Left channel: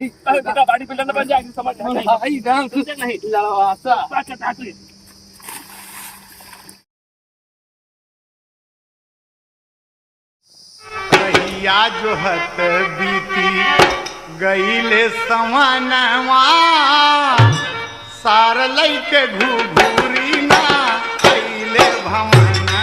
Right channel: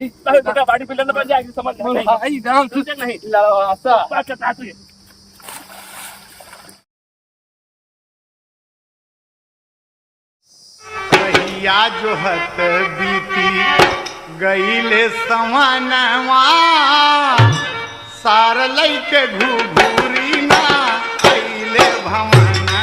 बेटा body builder बन जाएगी समझ नहीं डांस नहीं लड़ासा अच्छा तू भैया जो हत बीती गईले सवनवा सार लैके घूघूरी ना अइले भवनवा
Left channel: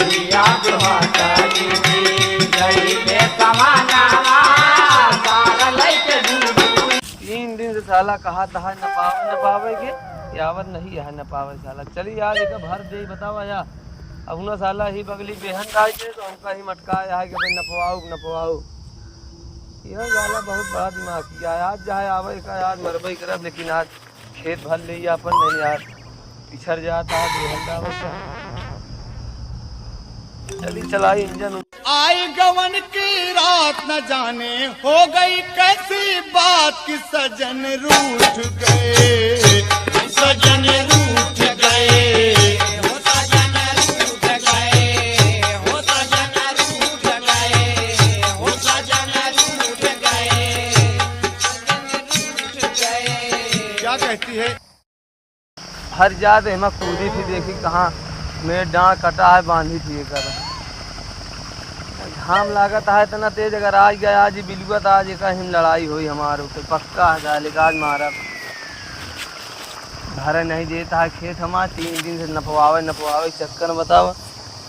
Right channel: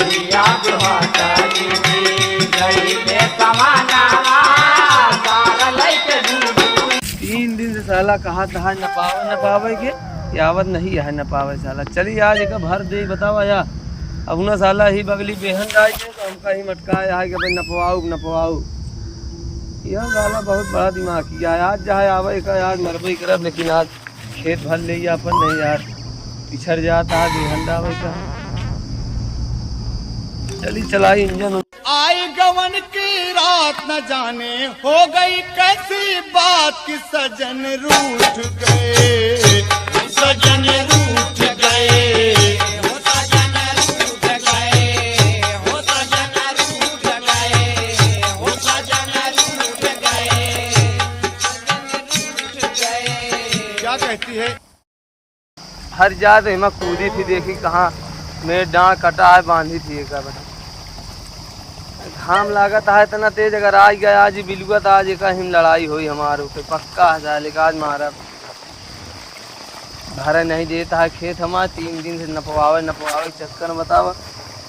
भैया जो हत बीती गईले सवनवा सार लैके घूघूरी। 3 दिन से साला कहा था न पावे के यावत नहीं है न पावे साला। चली आज एक भर दे बतावा या अब ना साला ही बगली बेहन आए थे तो हमका ही मटकाया है कि भाई नपवाऊ यह साला बहुत बड़ा दिमाग किया आज जहाँ आवे का आज मरबई करब लेकिन आज खेत भर ले अपन नहीं यार पिछड़ जाता बेहन डावे का। चली चलाई इंजन आई गवन की रात न जाने हो गई कैसी बात कि सजन रूठ गए सजन रूठ गए कहती है हर जात हिमा कूदी थी देखी कहाँ मेरे डांड कटा है बांधी थी कर घाम लागत है इतना तेज अगर आज गया आज बिलुआ तो आज एक हिम लड़ाई हुई हमारे ऊपर पक्का है लेकिन आज मारा धारा नहीं देता है खेत हमारा 3 दिन से नपवावे चक्कर में बतावा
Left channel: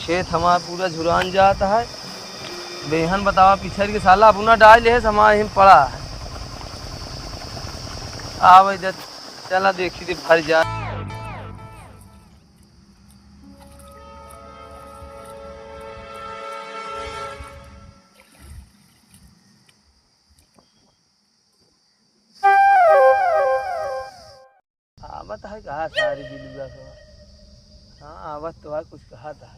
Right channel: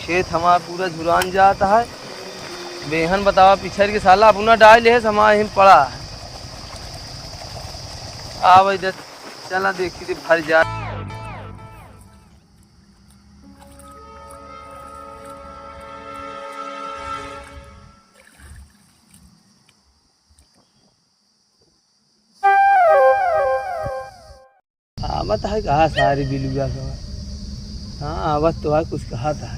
खेत हमारा पूरा झुरान जाता है बेहन बतावा पिछड़ के साला अपना डाल है हमारे हिम पड़ा है आवे दे चला देखी थी भर जा आवत है कहा सारी बिलुआ का हाँ आवत तो है कुछ कहा था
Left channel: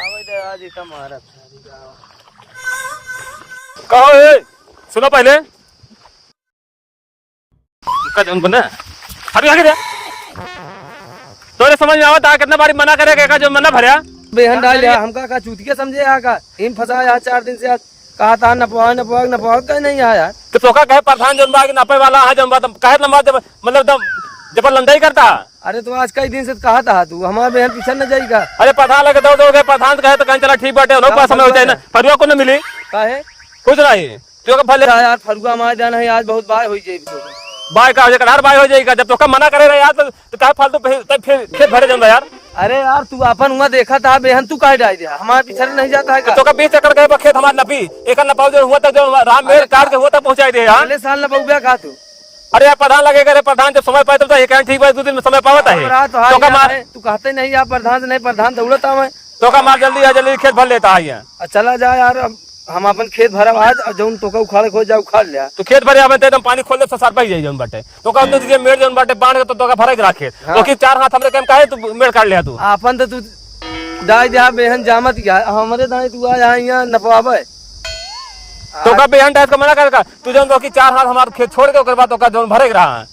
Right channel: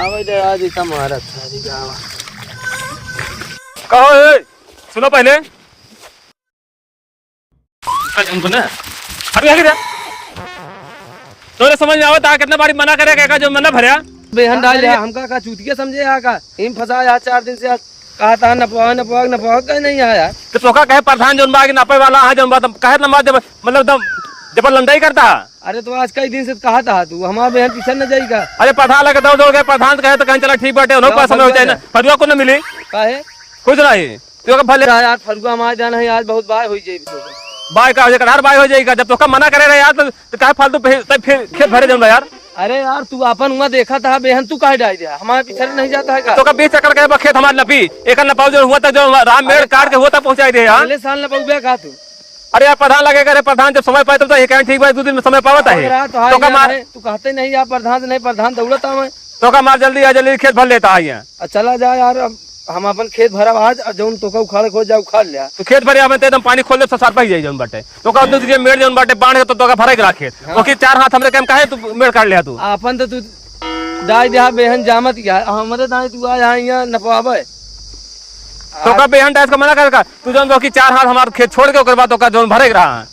आवे दे आज इतना मारा सारी गाँव कहो है सुना पहले बना अरे तोरे समझ में आवत कितना बारी मना करेगा जो मना भरया बेहन डाल हमका का चूतिया समझे यहाँ का हिम फंसा यहाँ 4 दिन से कहा था नपवा कहीं नहीं आया तो तोका कहे प्रधान जोन बा कि नपे वाला आ जोन बा तुम कहे नंबर मतलब दम जब लंडाई करता। अरे तो आज कई दिन से कहा था तू हमारे बेहन पीछे न जाएगा। अरे प्रधान लगे दौड़ के प्रधान कहे तो कहीं चला ठीक बाटे उन्होंने पास समय होता है ना फरुआ को न मिली काहे कुछ नहीं तो का भले यार फरुआ हमारे जाना है आज बहुत बार हो जाएगी बाय का हर बाय हो जाएगा जब तो मना करे यार तो काहे फालतू फिर खेत भरे जाऊंगा यार। अरे यार तू अपन हुआ देखा था बेहन तू काहे डाल दिया हमारे पीछे नहीं जाता है तो का 20 चक्कर गए खेत हमारे नपी एक नपाव जो हुआ था जो राम मेड़ काट के हुआ था पहुंचाई दे यार अगले साल नपौबा का तू। अरे यार प्रधान लगेगा रे प्रधान जब समय पाए तो ये कहीं ठीक बात 2 दिन में समय पावता है तू कहते नहीं यार प्रधान से नहीं प्रधान दौड़ता मैं तो का माल जल्दी खेत भर लेता है यहाँ चला जा यार अब हम अपन खेत भरा आज और जौन तो उखाड़ खो जा उखाड़ लिया तो खेत भरे आवे तो एकदम पानी खोल दे तो सार पाई जाई जौन बाटे तो का दूसरी मेड़ जौन बाटे बांध के तो का भरे के रखे तो कि 4 हाथ हमरे केम काहे तू मेड़ काट लिया तू अपन तो तू दाई जहां बेहन जामत या हमरे दाई तू आ यहां नपवावे तो का बेहन डास का मना करेगा तू जौन कि 4 हाथ हमारे खेत छोड़ के ओकर बाद तो का जौन भरे रहा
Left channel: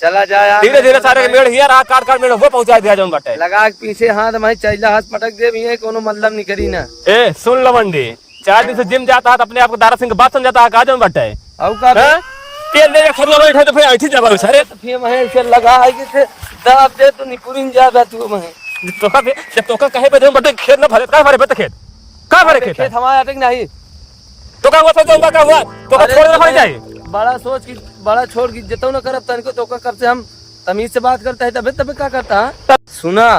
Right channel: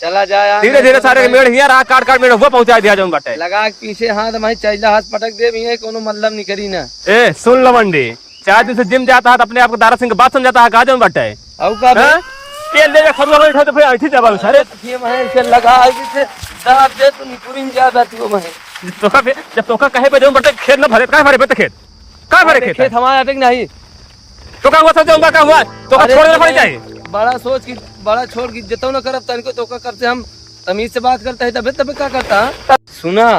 चला जा यार धीरे सारे मेड़ हिया रा काट मेड़ हुआ पहुंचा दिया जौन बाटे लगा के पीछे हाथ मैं चैला हाथ पटक दे भी कोनो मतलब नहीं करी ना। ए सुन लवंडी 4 दिन से जिम जाता है अपने आप को दारा सिंह बात समझाता है काजन बटे औ का तेल ले खरना नहीं तो फिर ऐठी जाबा सारे फिर मैं इसे लगा है कि से दांत के तो निपुरिन ज्यादा तू मैं तो का जब तो का कहे पे जौन बटे खेत ना भरे का भरे पे खेत का भरे खेत हमारा अटक नहीं तो का हुआ जाऊंगा का हुआ तो का छोड़ हो जाए बड़ा सोच की बड़ा छोड़ की जतो न करब तनको तो का कब से हम तमीज से बात करता है तबे क्या करता सुना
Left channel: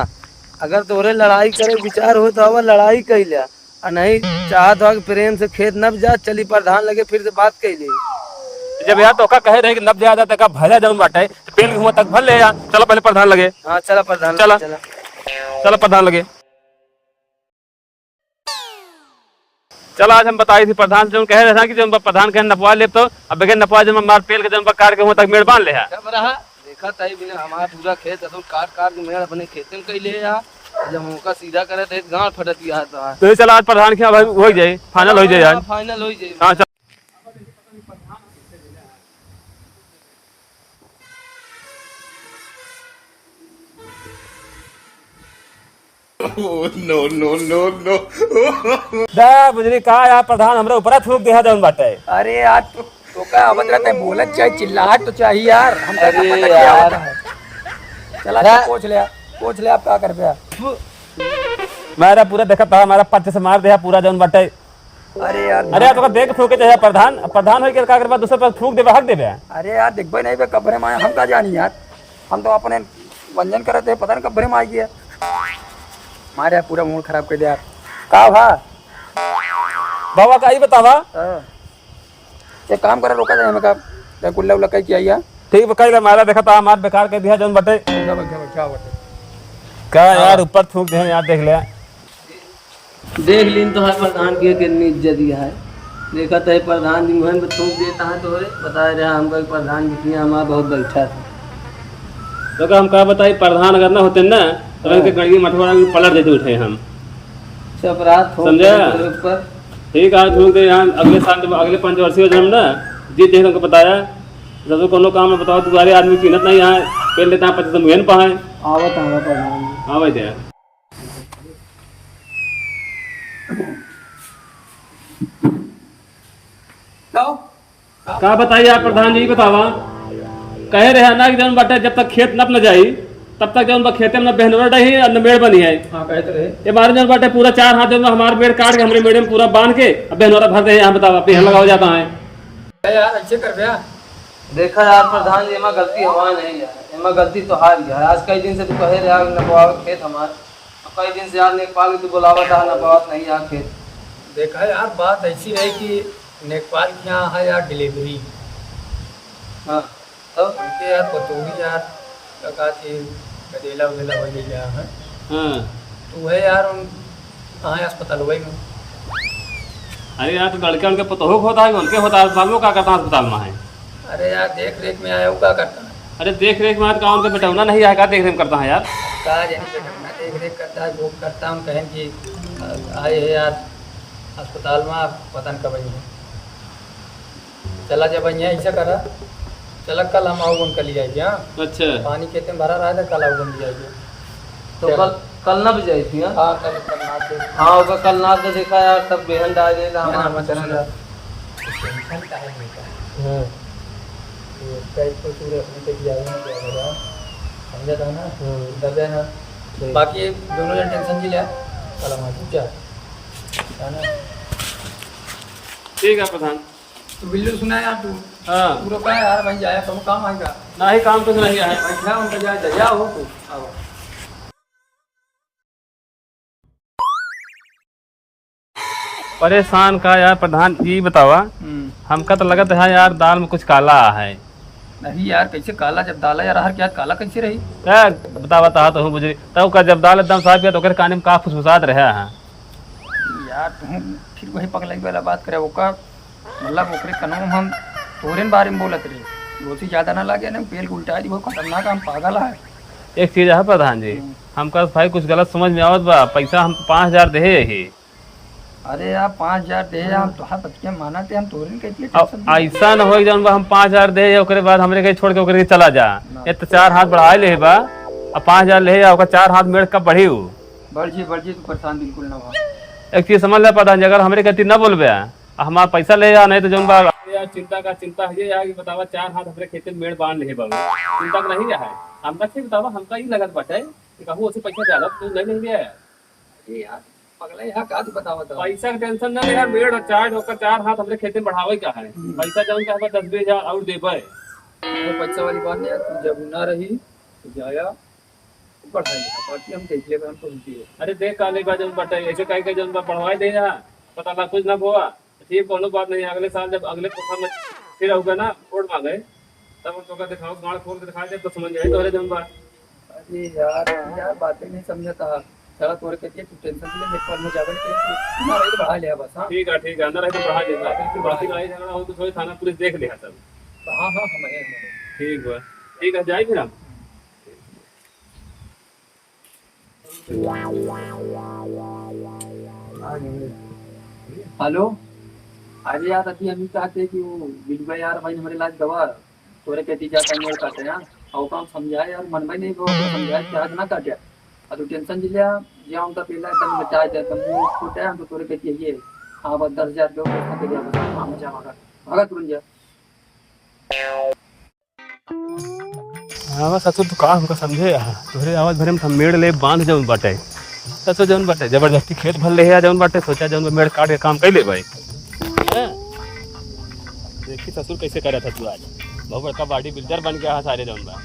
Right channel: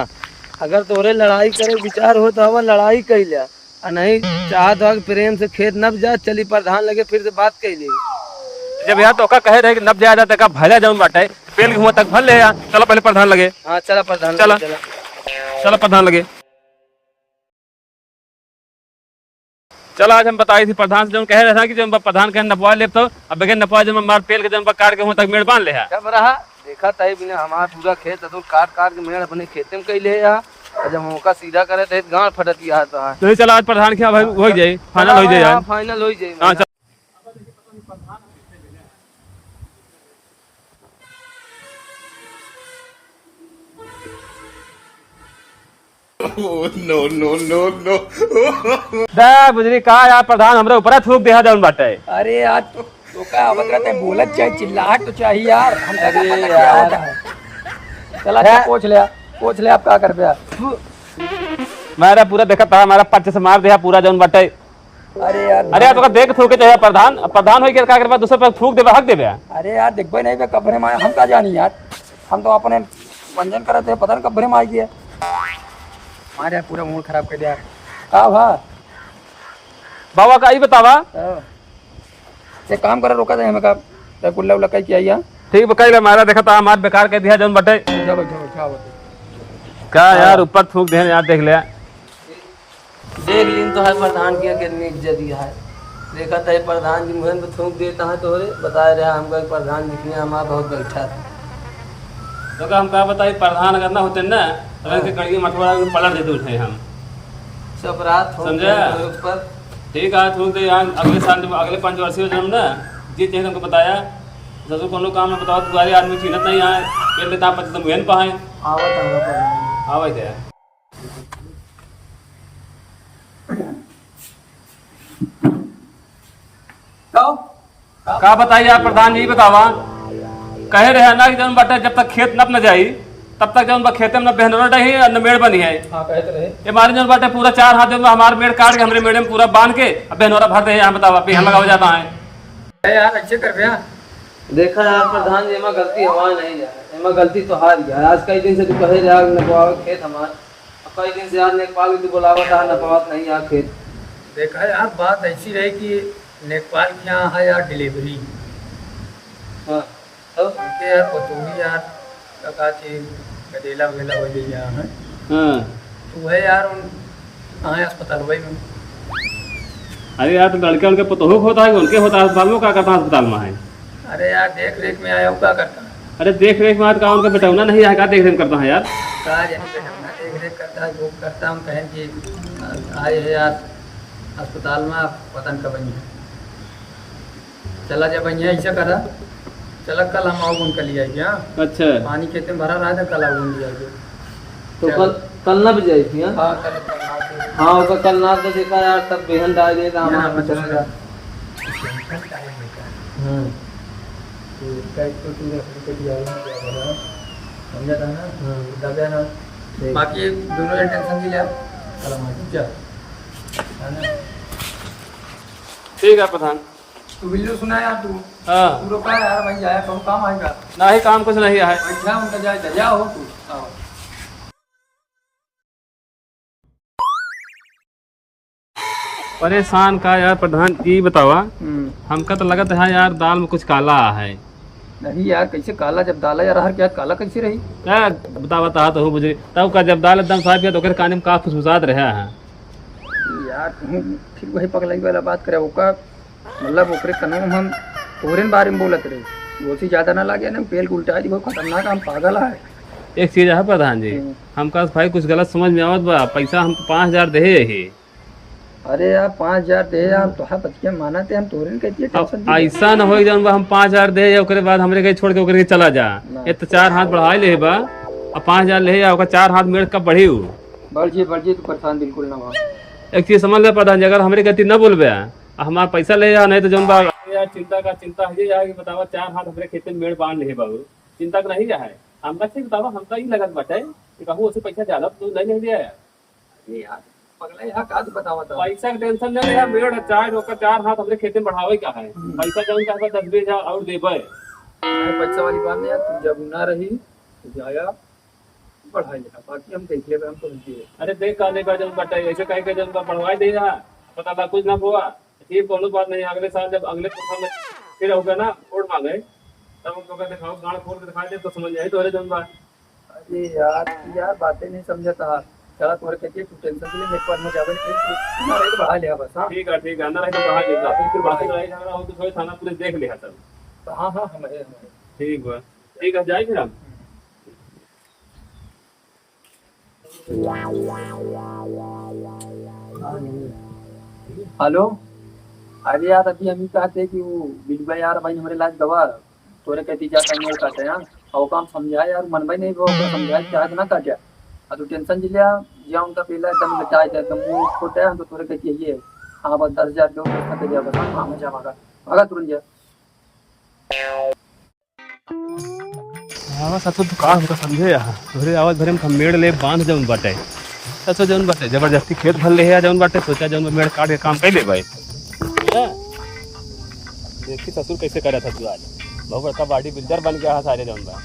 अगर तोरे लड़ाई करे विचार हो तो अब लड़ाई कर लिया नहीं चाहत हो प्रेम से खेत नब जा चली प्रधान लगे फिर से बात कर ले जब यहाँ तो का कहे रहे कि नब जाया जाता का भले जाऊं बाटे पेड़ के हुआ तक भर ले चलो पहले प्रधान लगे। हाँ चला प्रधान चला प्रधान लगे चल आज हम बताई थी प्रधान से कह रहे थे कि जब प्रधान कहे नपवा ले तो अब बगैर नपवा जब मार पेड़ के जब काट के हुआ तक मेड़ बांध ले जब रहा देखा तय बिना हमारा पूरा खेत अतुल काट के मेड़ अपने खेते में कई ले जब हमका सीधा करे तो गांठ फटत गया तो चल आज प्रधान के हो जाए फाइनल हो जाए फाइनल हो जाए। नो नो नो नो दे बुजरी कहा यार प्रधान हमरे ऊपर थूक दे जौन बाटे। अरे यार तो क्या आवत रहता है, बोलत चाहे चिल्लाहट तो चाहिए यार। हम अरे अरे यार। यार चला अच्छा, पूछ ले आप क्या कर पे। मेरा पूरा देखा था हमारा पच्चीस से मार दिया पूरा जौन बाटे। अरे यार अरे यार तो देख थूके चाहिए प्रधान प्रधान हो के का कर दूसरे पर थूक देबे हक देबे। अरे यार देखबे नहीं बे कब्रे में हम का जानी यार, हम तो अपने वंजन करे थे, पता नहीं कब्रे में आई गया मारे पूरा मुंह खराब कर दिया। का भा बाबा का ही बतावा। एक काम करे रोका जाए हमें का ते कुल्ला उल्ला कई किया। ठीक बकाई मारा देखा था हमार बेकार के दिया जौन बाटे। क्या यार ऊपर थूक दे यार देख ले। देख लीन तो है प्रधान के कितनी इज्जत दिया है। देखा था प्रधान जी मुहम पे थूक देता है तो बता रहा हमका प्रधान जी हमारा बहुत बैठा था। तो हम कहा बताई प्रधान अगर ना होते ना तो इनके गड़िया मठवाड़ा में पलट देते उठे हम अपराध समझा। ऊपर ठीक है थूक दे यहाँ अगले साल अगले 5 वर्षीय जन्म ना जीत है तुमको बताया जब कोनो काम में बताओ तुम्हारे आदमी चिन्हत नहीं है पहले लेता 25 मुहन पाए आवत है प्रधान आवे दे। का बताइए आप प्रधान जी बतावा कहे रहे ना कि जब बटे जब तक खेत नप न जाई तब तक जब खेते में न बहनोर रही है न मेड़ बनी है। ये हमारे जब बटे पूरा 4 हाथ में हमारे मेड़ काट के हमारे मेड़े में पूरा बांध के अब बहनोरा भर दे यहाँ बतावा पेड़ लगा हो जाता है। देखा यार प्रधान जी में गलती हमारी नहीं यार, हमें गलती तो हार गया। आज कई दिन से तो कहे रहा नपाव खेत हमारे, अब कई दिन से आज नेपाल की तो बुलावा था नपाव नहीं यहाँ खेत। देखा यार बात ऐसी है कि नेपाल के यहाँ है यार डिलीवरी। हाँ तब यार तो तू ही यार कहा कि गदेला वदेला हो गया है हाँ। तू है यार उन कहाँ अस्पताल वही में। अरे यार तो लड़के उनके पतोह होता है उनके होता है अस्पताल में क्या करता है अस्पताल में है। अरे यार देख रेख में आया हूँ क्या करता है। अरे देख रेख में का उनका बेटा नहीं है क्या देख रेख करता है यार। देख रेख करता है वो करता हूँ कहें कि आए है यार अस्पताल में आप पतन का बन चला जब बढ़िया ऐसा करा चला कल हम आओ उनका लिया गया। अच्छा पानी खेते में भरा रहा था कल आओ लिया गया तो कल ना भी जाई थी। हाँ चलो हाँ उसका कल ना तो देखा यार तब बेहन डाल दिया था हमारा चलेगा। बाकी दोनों ने टेंशन की लिया ठीक है प्रधान। तो बिल्लू सुना यार तू हाँ पूरा का यार भाई आया कब काम आएगा नहीं काम कुछ नहीं है। उनका जाए दरिया हो तू परेशान का यार प्रधान जी बतावा हमका तो लगता है यार दाल में कुछ काला है। नहीं यार कैसे काला जब डाला यार हर क्या काला कैसे रही क्या बतावा तो हूँ मुझे तब का जब दाल एकदम साफ किया तो काने में का फुसफुसात रहा है यार तू फिर वही पगलाई वाला बात करे ओका मतलब ओकरे कनों हम तोरेन बारे में बोलत रहे वो से ज्यादा ना लागे ना पेल उल्टा दी बहुत खतरनाक हम पागल है। एक चीज है प्रधान जी हमका भाई कुछ गलत समझ में आवत बा पैसा हम 5000 दे ही। अरे यार 5000 दे आप तो हाँ बतिया माना थे हम तोरेन कहती है टेंशन दी ऐसा न हो जब हम 5000 दे ओकरे बाद हमरे के छोड़ के ओकरे के चला जा ये तो 4 हाथ बढ़ा ले बा अब 5000 ले ओकर 4 हाथ मेरे कब बढ़ी बढ़ जी तू परेशान बिल्कुल ना हो। एक चीज समझ ले प्रधान जी अगर हमरे कहती न बोलबे हमारा पैसा ले जा नहीं तो जो बात यार चिंता है ये कि बतावा 4 हाथ हमरे खेत में मेड़ बांध ले बाबू चिंता का नहीं है हमका ठीक बतावा हमका ही लगत बटे कि कहूं उसे पैसा ज्यादा तू नहीं दिया अरे यार पगला यहाँ का तू बतावा तो पैसा का टेंशन ना ले मेड़ और 4 हाथ हमरे खेत में बढ़ावे का है पैसा जौन का 10,000 और देबे पैसा वाली बात नहीं यार तू जब ना रही तो जाया बढ़ाई बाकी हम देख लेंगे हमको है। अरे देख काले का जब बटे ऐसे कह के जब बढ़वाई दे रहा पता था कुछ ना हुआ ठीक कोनो बात नहीं अगले साल जब अगले में फिर होगा ना वोट मांगे तब हम तो दिखाओ गाड़ खोल के दिखा दे तो समझ जाए तो जौन बात। अरे यार बातें नहीं समझता चला तोरे कहती है तू टेंशन ले नेपाल में जावे तुम्हारा रेट बढ़ा लिया बस। हाँ ठीक है अंदर है तो बढ़ा देगा फिर बाकी लड़ाई झगड़ा हो तो थोड़ी थाना पुलिस देख लिया सब। हाँ हम ठीक है जाए फिर हम हेलो। अरे यार अभी हम चाहते कि वो बिल्बा यार भाई हमारे लाज दवा तोरे कहती जाता मेरे काटे यहाँ और काम समझाए यार मन भाई नहीं वो समझाए चाहत ना काटे तू टेंशन जिलिया जाऊँ तो पहले एकदम लटाए थे एकदम मुंह छोटे हम तो तोरे कहती है ये हाँ बस 10,000 दो खाते जा बस हाँ मजा मगा तुरंत जा। हाँ बस तो दुकान हो समझे यहाँ घरे आवाज भरे में मेड़ ले बांध जौन बाटे सचो जौन बाटे जबरदस्ती खेत भर ले जौन बाटे सोचा जौन मेड़ काट के काम कर ले भाई देखी ससुर कैसे करे था तू आज बहुत बड़का बॉडी बिल्डर बन गया सारे जौन बा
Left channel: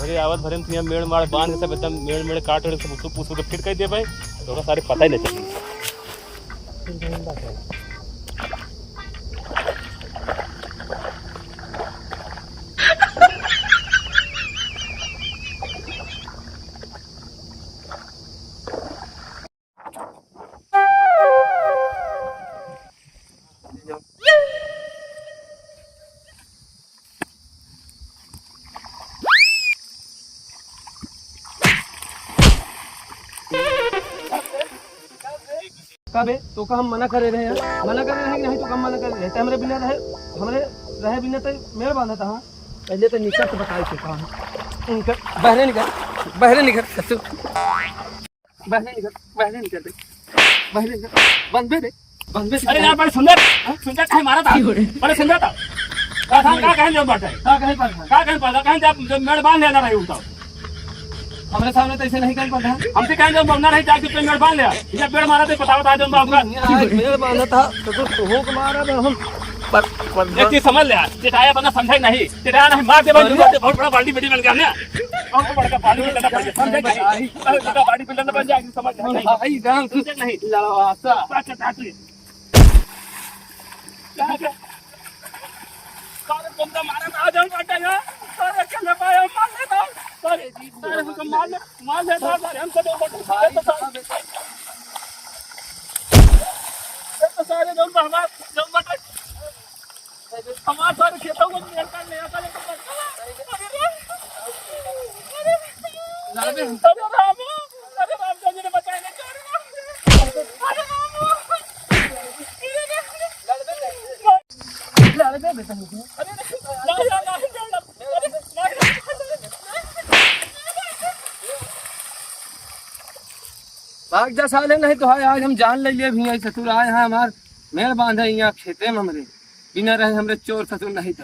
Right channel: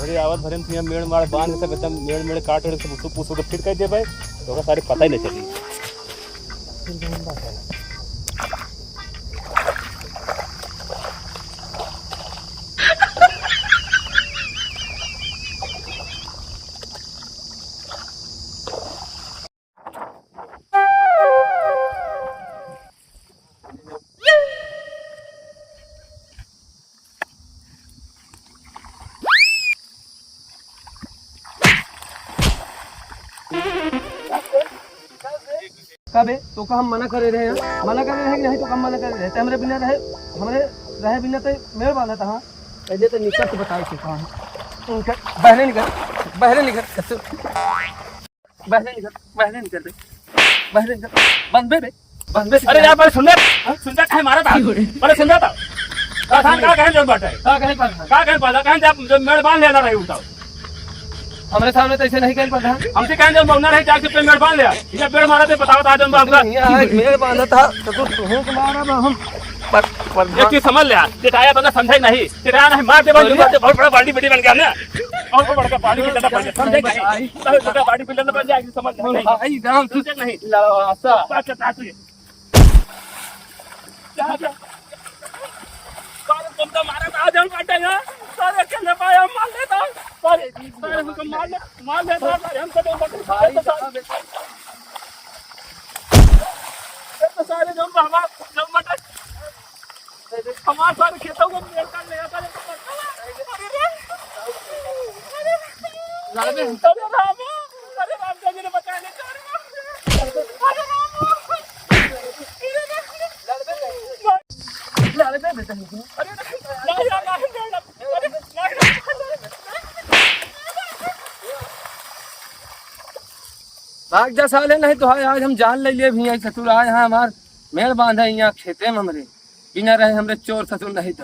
घरे आवाज भरे में मेड़ मार बांध के सब एकदम मेड़ काट और सब पूछ के फिर कह दे भाई तो सारे पता ही नहीं चली कबे तो का हम मना करे रहे हैं मना कर रहे हैं नहीं तो कम मना कर रहे हैं हमरे बिना रहे बिना तो मेरे बांधा था पहले तो निकल तो बताई थे कहाँ उनका बहरे निकल बहरे निकल बंद बे अरे यार बड़े सुंदर कहे मारा था बड़े सुंदर था का कहे जब बाटे का कहे पता जब मेड़ बांध लेना रही उठाओ हमारे सामने तो ऐसे नहीं कर पाता हमसे कहें जब मौना नहीं जाके पे मेड़ बांध लिया जब पेड़ मारा थे बताओ था जब आपका मेरे बांधा था तो तुम को मारा हम ये चीज समझ लिया चिटाया बंदा समझे नहीं चिटाया नहीं मार दे बहुत बड़ा बाल्टी बेटी बन गया ना और बड़ा बाल्टी बिल्डर बन गया समझे नहीं बड़ा बाल्टी बिल्डर बन जाएगी समझ नहीं राम समझे नहीं लासा क्या तुम तो मारा था जब बाटेगा सारे चले पाया मार लेता सारे हमको मार लेता हम तो सारे जब हमारे सारे खेतों को मेल कर ले आता अरे राम जी ने बताया नहीं भाग जा साले नहीं तो है आज हम जान ले लिए भी ससुर आए हैं हमार मेल बांधे यहाँ खेते में हमरे बिना रहे हमरे चोर ससुर नहीं तो